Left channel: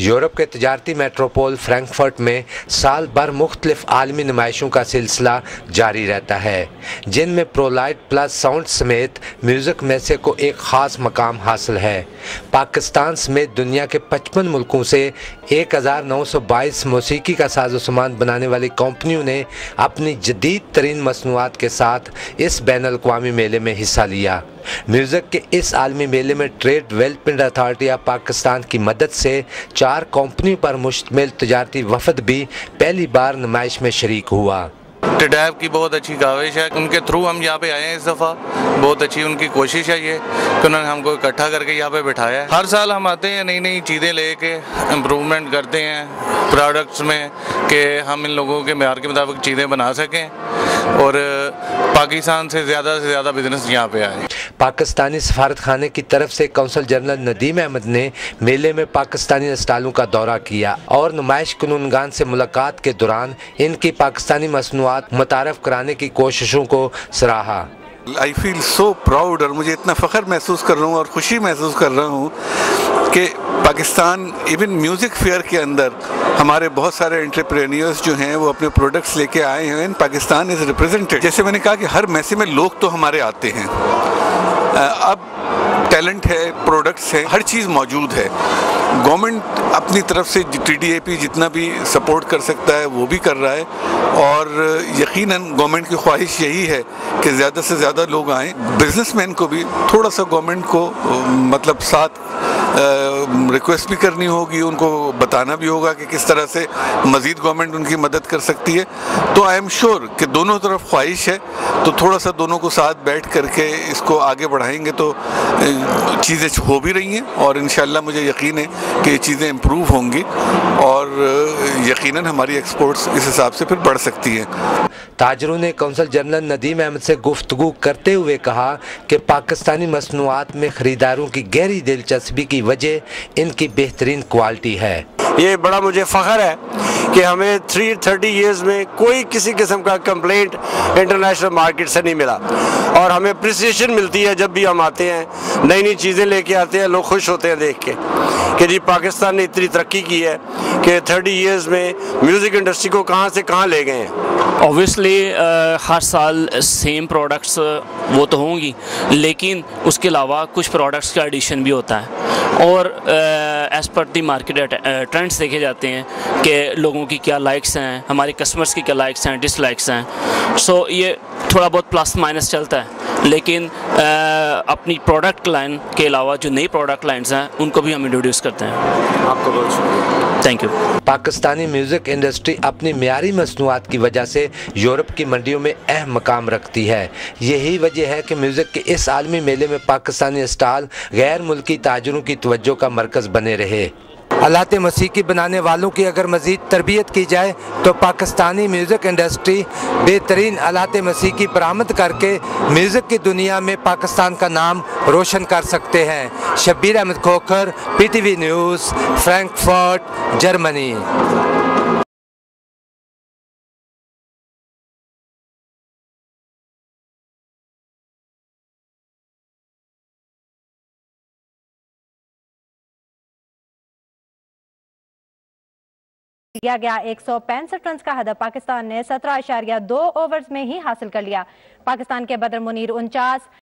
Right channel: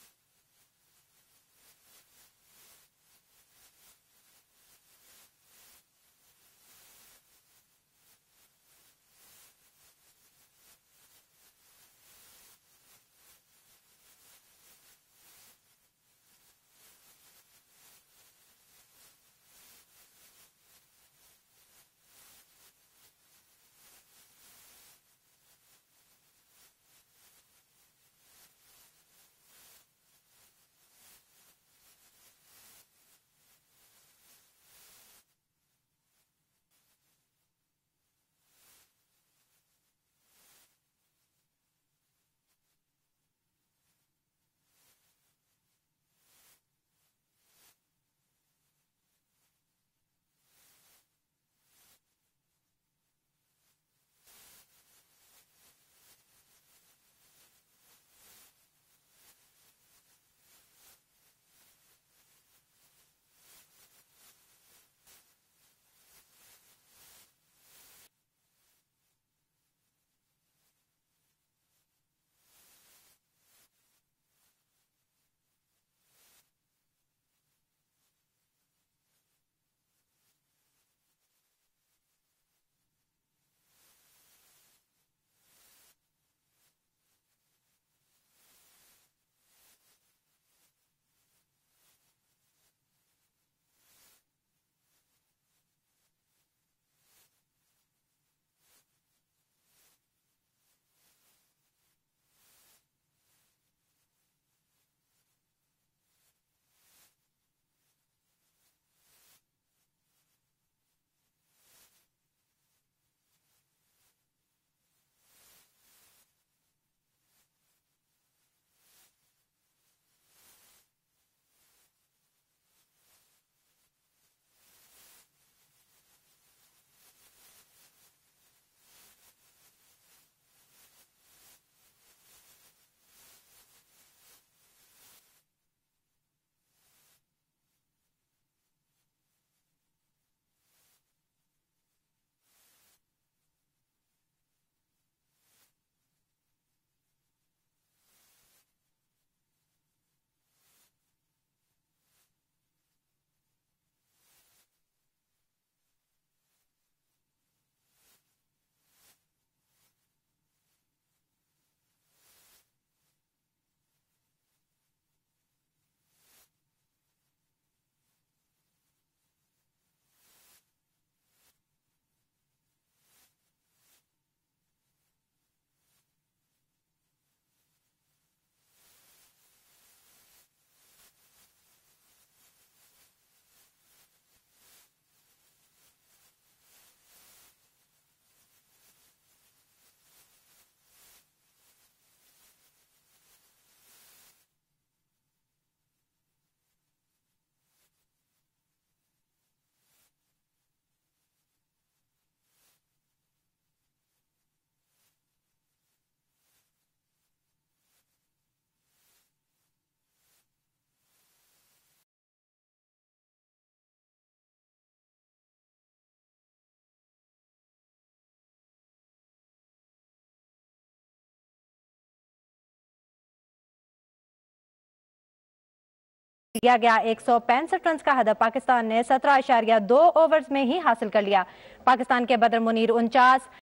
Europe के तजारती Metropole Frankfurt में साल भर मुख्तलिफ आलमी नुमाइशों का सिलसिला जारी रहता है, जिनमें प्रोलाइट प्लस साउंड समेत म्यूज़िक में से को एक ख़ास मकाम हासिल है। पाकिस्तान समेत दुनिया के 55 मुल्कों से 1922 मौसीकी का साजो सामान बनाने वाली कंपनियों ने अपनी जदीद तरीन मसनूआत के साथ इस बैनुल-अक़वामी मेले में हिस्सा लिया। म्यूज़िक के इस आलमी मेले में trade development authority of Pakistan की मदद से 4 कंपनियों पर मुश्तमिल तजारती वफद भी पहली बार नुमाइश में शरीक हुआ। टिडैब की बहुत अच्छी काविश है, उनके थ्रू हम यहाँ पे आए हैं। इस दफ़ा बहुत अच्छी उनकी कोशिश है ये कि उन्होंने हमको इकट्ठा करके यहाँ पे बिठाया है। हर साल हम आते हैं, नई नई चीज़ें लेके इम्प्रूवमेंट करते हैं प्रोडक्ट्स में कि हम इन लोगों के मेयार के मुताबिक चीज़ें बना सकें और पाकिस्तान से ज़्यादा बिजनेस यहाँ पे आए। पाकिस्तानी सफारत खाने की तरफ से कौंसल जनरल नदीम अहमद ने मेले में पाकिस्तानी स्टालों का दौरा किया और नुमाइश कुनूनगान से मुलाकात के दौरान इनकी पाकिस्तानी मसनूआत मुतारफ कराने की कोशिशों को सराहा। आई फील सो प्राउड और मुझे इतना फ़ख्र महसूस कर रहा हूँ और ख़ुशी महसूस कर रहा हूँ कि पाकिस्तान इवन म्यूज़िक फेयर के अंदर हमारे बहुत सारे एंटरप्रेन्योर्स जो हैं वो अपने प्रोडक्ट्स लेके आए हैं। Pakistan is represented. जैसे मैंने कहा कि हर मैसे में लोग तो हमारे आते हैं, अब टैलेंट है, प्रोडक्ट्स हैं, हर चीज़ मौजूद है। गवर्नमेंट अपनी तरफ से TDAP जितना भी सपोर्ट कर सकता है वो भी कर रहा है और यकीनन गवर्नमेंट की ख्वाहिश यही है कि ज़्यादा से ज़्यादा लोग आएँ। बिजनेसमैन को भी थोड़ा सा गवर्नमेंट को मतलब साथ रिक्वेस्ट भी करनी होगी, उनको बताना भी होगा कि किस तरह से मज़ीद गवर्नमेंट उनकी मदद कर सकती है। तो आई एम श्योर कि दोनों तरफ ख्वाहिश है, तो थोड़ा सा दोनों को साथ बैठ करके इसको आगे बढ़ाएंगे तो चीज़ें हो भी रही हैं और इंशाल्लाह मुझे यकीन है कि ये चीज़ें इम्प्रूव होंगी और यकीनन हमारी एक्सपोर्ट्स इस हिसाब से फिर बढ़ सकती हैं। ताजरों ने कौंसल जनरल नदीम अहमद से गुफ्तगू करते हुए कहा कि पाकिस्तानी मसनूआत में ख़रीदारों की गहरी दिलचस्पी की वजह इनकी बेहतरीन क्वालिटी है। ये बड़ा मुझे फ़ख्र है कि हमें 30 ईयर्स में कोई किसी किस्म का कंप्लेंट इंटरनेशनल मार्केट से नहीं मिला और हमें अप्रिसिएशन मिलती है जब भी हम आते हैं, नई नई चीज़ें लेके आते हैं, लोग खुश होते हैं देख के कि जी पाकिस्तान ने इतनी तरक्की की है कि 30 ईयर्स में म्यूज़िक इंडस्ट्री को कहाँ से कहाँ ले गए हैं। ऑब्वियसली हर साल सेम प्रोडक्ट्स वो तो होंगी, लेकिन उसके अलावा कुछ प्रोडक्ट्स का एडिशन भी होता है और एज़ पर दी मार्केट ट्रेंड्स देखे जाते हैं कि लोगों की क्या लाइक्स हैं, हमारे कस्टमर्स की क्या लाइक्स हैं, डिसलाइक्स हैं। सो ये थोड़ा बहुत प्लस माइनस चलता है, लेकिन अपनी प्रोडक्ट लाइन के अलावा जो नई प्रोडक्ट लाइन्स हैं उनको भी हम इंट्रोड्यूस करते हैं। आपको बहुत शुक्रिया, thank you. Pakistani music industry अपनी मियारी मसनूआत की वजह से यूरोप की मंडियों में अहम मकाम रखती है। यही वजह है कि म्यूज़िक के इस आलमी मेले में पाकिस्तानी स्टाल गैर मुल्की ताजरों की तवज्जो का मरकज़ बने रहे। आलात मौसीकी बनाने वालों की अगर मज़ीद तरबियत की जाए तो पाकिस्तानी म्यूज़िक इंडस्ट्री बेहतरीन आलात मौसीकी बरामद करके म्यूज़िक की दुनिया में पाकिस्तान का नाम रोशन कर सकते हैं। Shabbir Ahmed Khokhar, PTV news, Frankfurt, Germany. किया गया 165 रन का हदफ पाकिस्तान ने 17.2 ओवर्स में ही हासिल कर लिया। पाकिस्तान के बदर मुनीर 49,